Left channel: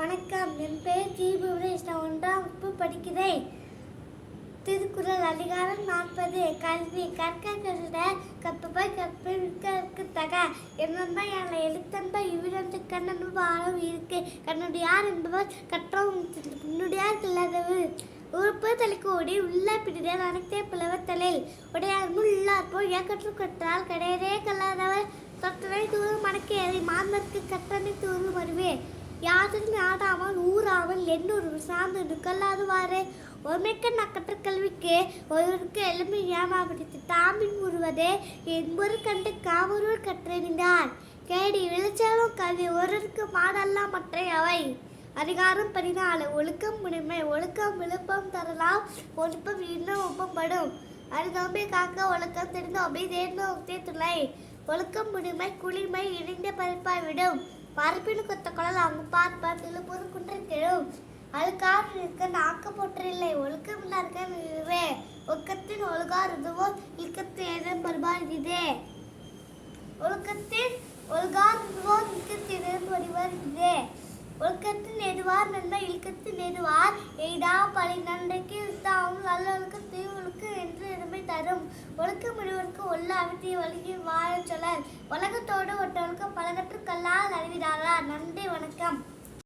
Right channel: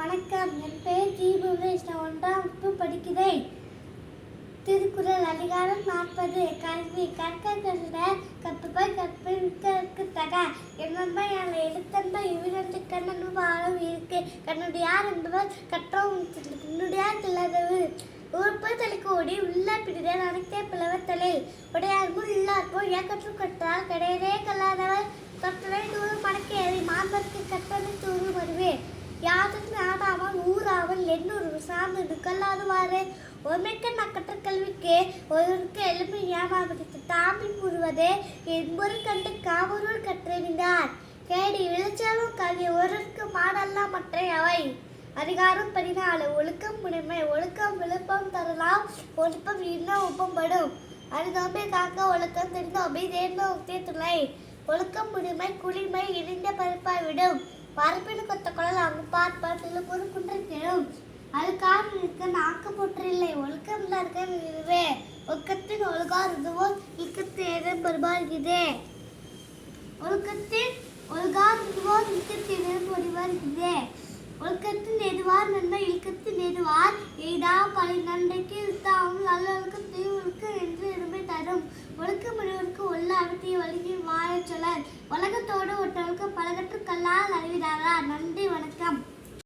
வணக்கம். என் பெயர் ஜி. புவனேஷ். நான் 1ஆம் வகுப்பு படிக்கிறேன். திருக்குறள் அதிகாரம் 40. கல்வி. கற்க கருத கற்பவை கற்பை மிக்க தக. என்னன்பை என எழுத்தன்பை இவ்விரண்டு கண்ணன்பு வாழும் இருக்கு. கண்ணுடையார் என்பவர் கற்றோம் கண்ணுடையார் கிளதவு. உறுப்பு தலைக்கோடி உள்ள பிடிதல் அனைத்தே புலவத்தலை. உடையார் முன் உள்ளார் போல் ஏக்கற்று கற்றால் கடையரே கல்லாதவர் தொற்றவை தூரம் மடக்கேறி மாந்தற்கு கற்றனை தூரும் வருவே. யாதற்கு ஆடாமல் ஊராமல் எண்ணூறு சார்ந்து கல்லாதுவாறு ஒருமைக்க நக்கற்ற கல்விக்கு ஒருவருக்கு எளிமை ஏமாபிடித்து தாமின் உருவதே என்பொரு கண்டு காவூர் கற்றறிந்தார். கேடி விளைச்சாலும் கல்வி ஒருவருக்கு மாடல்லா மற்ற அவை. அதிகாரம் 14. ஒழுக்கம் முனைமை. ஒழுக்கம் விழுப்பம் தரலாம், ஒழுப்பம் இன்னும் ஒப்பப்படும். அறிந்தோமை காக்க ஒழுக்கம் தெரிந்தோமை தேர்ந்தோமே துணை. ஒழுக்கம் முனைமை குளிமை இணைந்த பருப்பாய் விடும். பரப்பினு கொத்த குழல் அவங்க பார்ப்பார் திருப்பூர் குன்றை கெழும். அழுக்கார் நிற்க நாக்க போற்றில்லை. ஒழுக்கம் இதுவே ஒழுக்கத்தின் ஒழுகார் இதுவோ இழுக்கத்தின் ஏதம் பருபார் இதே. ஒழுக்கத்தின் ஒழுகார் இதுவோ இழுக்கத்தின் ஏதம் பருபார் இதே. ஒழுக்கத்தின் எதுவார் நன்மை இழுக்கத்தின் எதுவார் எய்தா பழி நன்மைக்கு இழுத்தாவும் நல்ல ஒழுக்கம் தீவுக்கு என்று எதுமை தரும். ஒழுக்க முடிவருக்கு உள்ள அவற்றிய வழியை வாழச் சொலர். உலகத்தோடு ஒட்டொழுக்க பலகற்று கல்லால் அறிவிதாரா. நன்றி, வணக்கம்.